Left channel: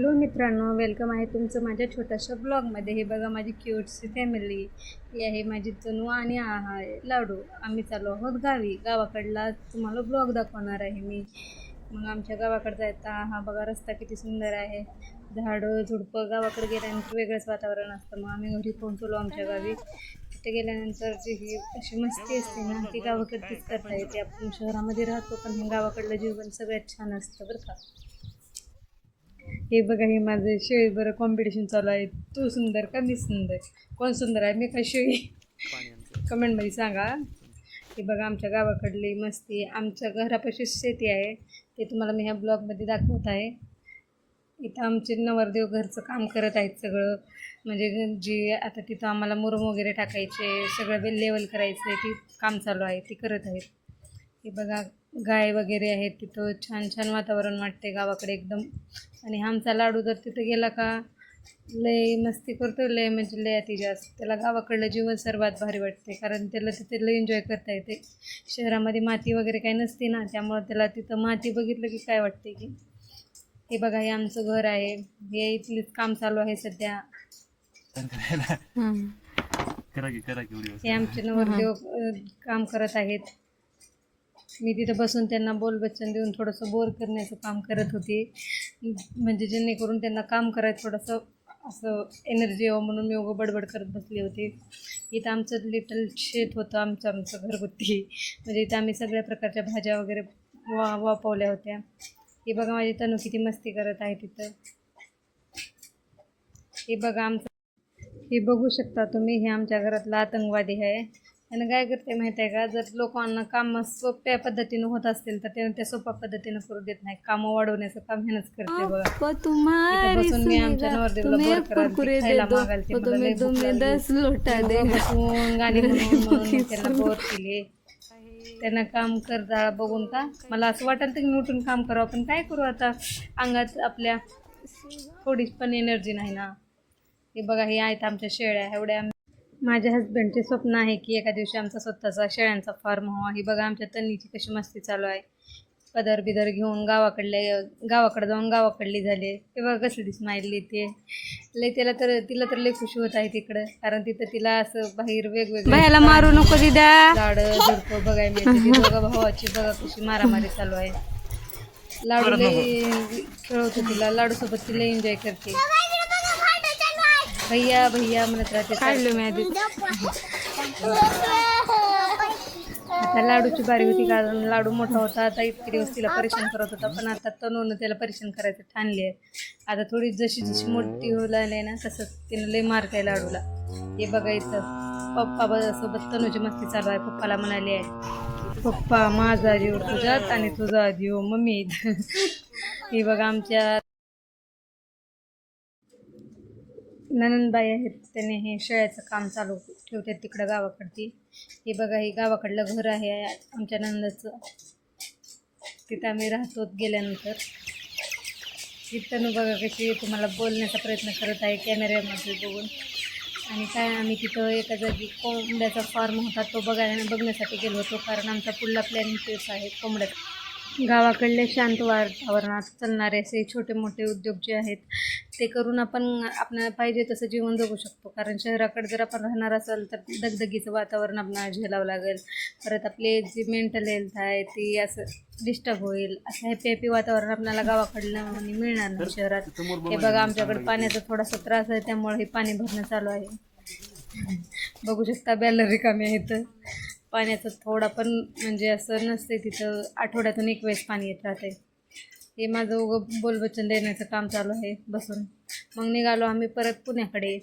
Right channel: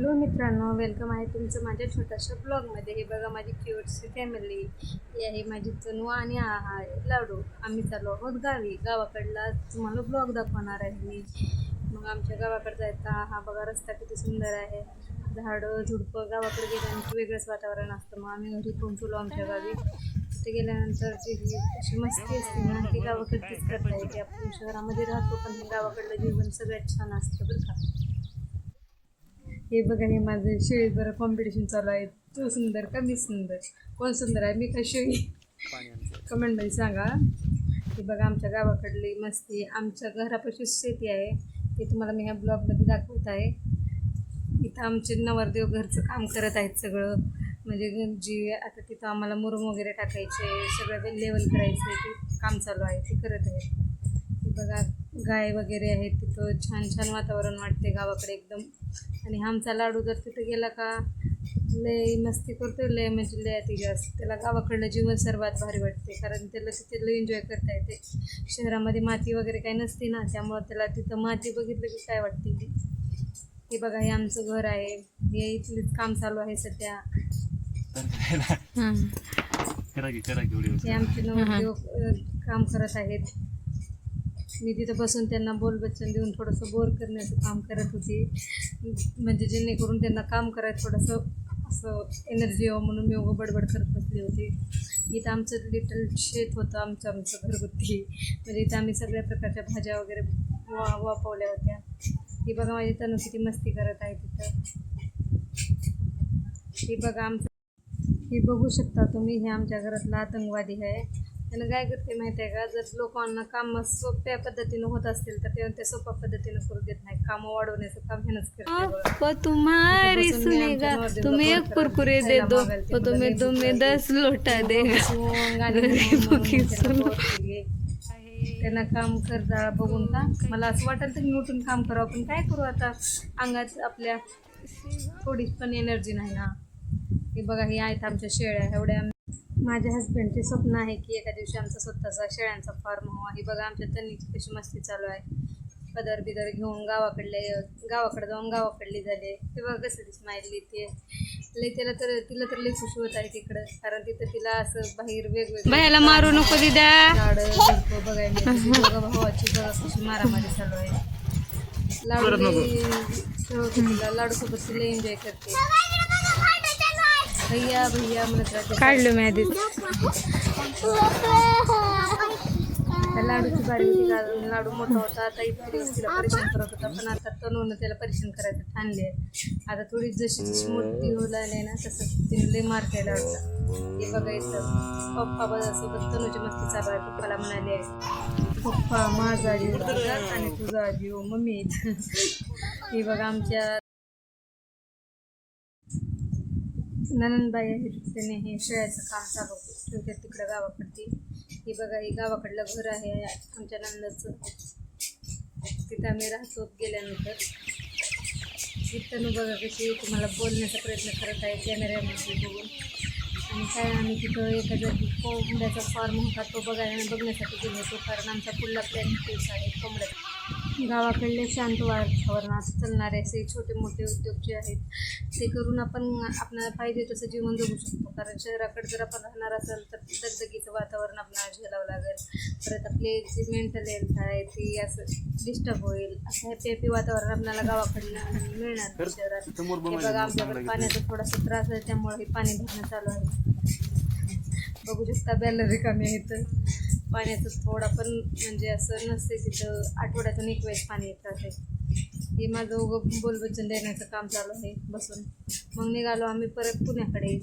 Hello मित्रांनो, welcome आहे तुमचं माझ्या छोट्याशा ब्लॉगमध्ये. हे बघा माझी क्यूटची फॅमिली. ही आहे माझी तनू आणि आहे लाडू. आम्ही चालू आहोत गावी. गावाकडला तुम्हाला ब्लॉग दाखवणार आहे मी. मग आमच्या गावाकडे जायचा हा बघा रस्ता किती सुंदर आहे. झाडं झुडपं. गावाकडे गेल्यानंतर वेगळंच वातावरण असतं. मग आम्ही घरी पोहोचलो आमच्या गावी. तिथे गेल्यानंतर जी ही अशी मस्ती असते ना ती गावाकडचीच करता येते. आपण शहरामध्ये राहतो पण हे गावाकडलं जीवन सगळ्यात छान असतं बरं का. हे बघा हे माझं शेळी बरं कॉम्पिटिशन चालू आहे. तू सुंदर का मी सुंदर, कोण सुंदर आहे, मी काय शेळी? कमेंटमध्ये सांगा. हे बघा आमच्या गावाकडली मस्ती. आमच्या घरापाशी शेती आहे ते तुम्हाला मी ह्या ब्लॉगमध्ये दाखवत आहे. इथं आमचे नवरदेव घरचं काम करत आहेत सगळं. म्हणजे जी आता तिथं आम्हाला मुरुम वगैरे टाकायचे, सगळं लेवल करायचं ते काम चालू आहे, ते करत आहेत. हे बघा गाय वगैरे आहेत तिथं. छान छान वातावरण वाटते गावाकडे एकदम. आणि आमचा लाडू जर तिथं गेला का लय मस्ती करतो, लय म्हणजे लय अति जास्त. त्याला गावाकडलं जीवन सर्वात भारी वाटते कारण त्याला तिथे लय एन्जॉय करता येते. शहरामध्ये माती वगैरे काही नसते ना, त्यामुळं त्याला तिथं माती बघितलं की काय वाटते की. हे बघा हे आमचं घर आहे. हे इथलीच काम चालू आहे सध्या. हे आमचे नवरदेव काम करत आहेत. मी तिथं बसून त्यांना बोलबच्चन देऊन थोडंसं बोर करण्याचं काम करत होते. म्हणजे जेणेकरून त्यांना काम करायचं थोडंसं असं एनर्जी यावं म्हणून मी उगं बडबड करत बसले होते. इथं आमचं लिटल शेत होतं आमचं घरगुती. म्हणजे इथं आम्ही सगळ्या प्रकारच्या भाज्या वगैरे वापवल्या होत्या. हे बघा माझी तनू किती मस्ती करत आहे तिथं. हे बघा हे बघू शकता तुम्ही. हे आमच्या घरातला आतंकवादी आहे. त्यानं काय करते माहिती आहे का, जर लोकांना कामं सोप्या पद्धतीनं होत असतील तर त्या सोप्या पद्धतीनं करू देत नाही. कामं वाढवण्याचं काम ह्यानंच करते बघा. तुम्ही आमच्या नवरदेवाला कुरकुरे दे दो, तुम्ही 10 लोटा दे. गाणी म्हणून त्याला बोर केली. त्यांना काम करता बघून का मला असं वाटलं तर मी उठून काम करावं, पण काय करू आता, अंगात आपल्या थोडी पण एनर्जी नाही ना. हे बघा हे आहेत आमच्या शेळ्या. एवढ्या माझ्या हस्बंडचे स्वप्न आहे की एका दिवशी आमचा स्वतःचा शेळ्यांचा फार्म व्हावा. ही बघा आमच्या तन्नीची कशी मस्ती चालू आहे. पदर बिदर घेऊन गावाकडे जाऊन गावाकडली झाले. ते बघा कसली स्माइल ते लय. तिला तर लय खुशी होत आहे तिकडं, कारण तिथं तिला असं बाहेर वेगवेगळं मारू नको दिदा झाडं झुडपं बघायला मिळते. दोघा भावाची बघा कशी मारामारी चालू आहे. लाडू लय खेळवतो तिला. लाडूसोबत ती लय एन्जॉय करते. भैया भैया म्हणत राहते. काढलो मी आधी. आता लाडूची बारी होती कारण लाडू मोठा होता. आता इतके दिवस तिला परेशान करत होता, पण आता तनूनं त्याला परेशान करायचं ठाणली आहे. आता थोडी जशी मोठी होऊ लागली ना तसंच तिनं लय मारते लाडूला. हे बघा इथं पप्पा सोबत तनूची मस्ती चालू आहे. पप्पाला म्हणाली आहे, पप्पा माझा जीव तुझ्यात आणि तुझा जीव मम्मी. हे बघा आमच्या ननंदबाई आहेत, त्याने हे शेळ्याचं काम चालू ठेवते तिकडं गावाकडची. हे बघा हे गावाकडलं घर आहे आमच्या नंदाचं. तिथं आम्ही राहतो गेल्यानंतर. तिथं बघा कशी तुम्हाला बोलण्याचा प्रयत्न करत आहे कॅमेऱ्यामध्ये बघून. आणि काय आम्ही तिथं एका जागी कोंबड्याचा फार्म होता तो बघण्यासाठी गेलो होतो, कारण आमचा पुढला प्लॅन तेच आहे कोंबड्याचा. गावाकडले शांत वातावरणात चालणारे असे छोटे मोठे उद्योग जे आहेत ते करून आपण आपल्याला पाहिजे तसं जीवन जगू शकतो. कारण शहराकडे जर आपण राहणार असेल तर दगदगीचं वातावरण आपल्याला झेलावं लागेल. परत आपले जी मेंटल हेल्थ आहे ती असं डिस्टर्ब होईल. असं हॅपी वातावरण आपल्याला गावाकडलं मिळणार नाही शहरात. हे बघा आमच्याकडे पाण्याचा थोडासा त्रास आहे, त्यामुळे हे पाणी भरणं चालू आहे. बघू शकता बॅलर रिकामी आहेत. पाण्याचं थोडा पण म्हणजे असं नसते तिथं. आठवड्यातून एक वेळेस पाणी येत राहते. हे माझं बोलबच्चन देण्याचं काम चालू आहे बसून. मग निघालो आम्ही परत पुण्याकडे.